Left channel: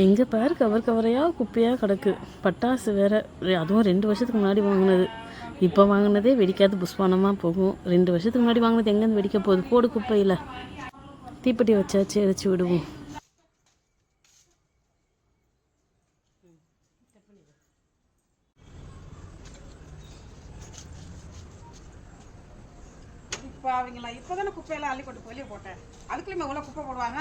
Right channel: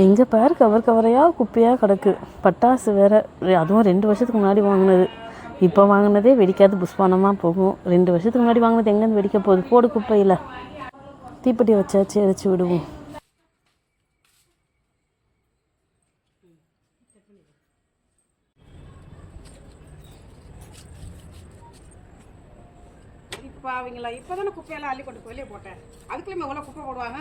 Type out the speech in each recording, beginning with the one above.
எங்கே பாரு கவர் கவரையாக குப்பையாக கிடக்கு. பட்டாசு வேறு, அதுவும் 2 வருஷத்துக்கு முன்னாடி வாங்கினது. இப்போ வாங்கினதே வெடிக்காது, புஷ்பானமாக போகும். 2 வருஷத்துக்கு முன்னாடி வாங்கினது எங்கேருந்து வெடிக்க போகுது? போடு குப்பையில். தீப்பெட்டி வச்சாச்சு, எரிச்சு விடுவோம். இப்போ அவங்கள இப்போ தானே குப்பையெல்லாம் அள்ளி கொண்டு வெளியே போட்டேன். அதுக்குள்ளேயுமே எவ்வளோ குப்பை போடுவாங்க.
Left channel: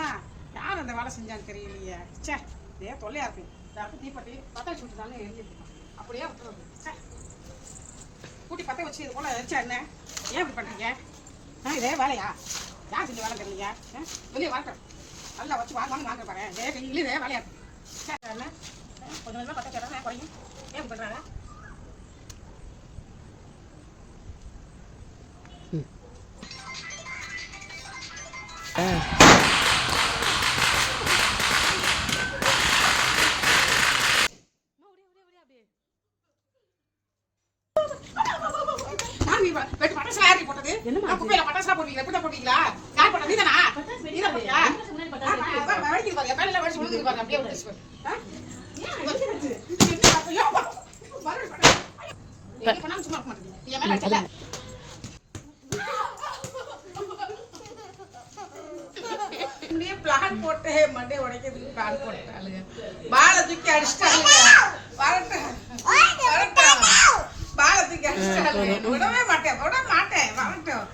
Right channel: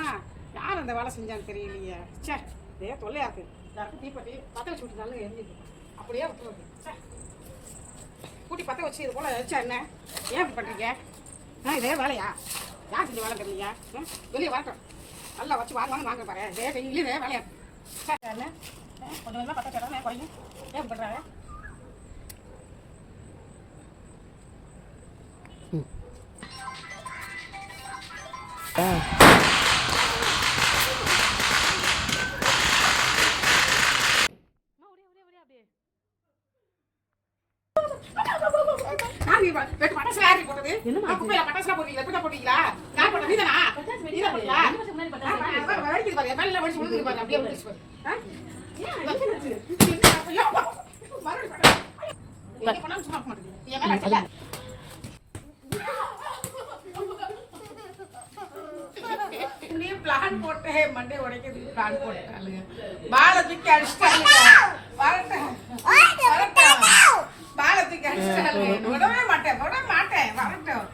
யார் அந்த வேலை செஞ்சான்னு தெரியலையே. சே, இதே தொல்லையா இருக்கு. தீப்பெட்டி பற்ற வச்சு விட்டுனாலும் எரிஞ்சிட்டு அப்படியே விட்டுருது. சே, கூட்டி பற்ற வச்சு இது போல வச்சா என்ன? ஏன் இப்படி பண்ணுறீங்க? இதே வேலையா? யார் செஞ்சு வேலை தெரியலையா? வெளியே வரட்டும். நல்லா வச்சு வாங்க பாரு. இதே செஞ்சு இதே வேலையா இருக்கு. சே, என்ன கொஞ்சம் கொஞ்சமாக பற்ற வச்சா குறையும். ஏன் பண்ணுறாங்க? பிளான் போட்டு மண்டே உடைக்கிறதுக்கு பிளான் போட்டாளுங்க. பாலை தூக்கி அடிச்சிட்டாளுங்க. வரட்டும் பாலை தூக்கி அடிச்சிட்டாளுங்க. விடவே மாட்டேன் வரட்டும்.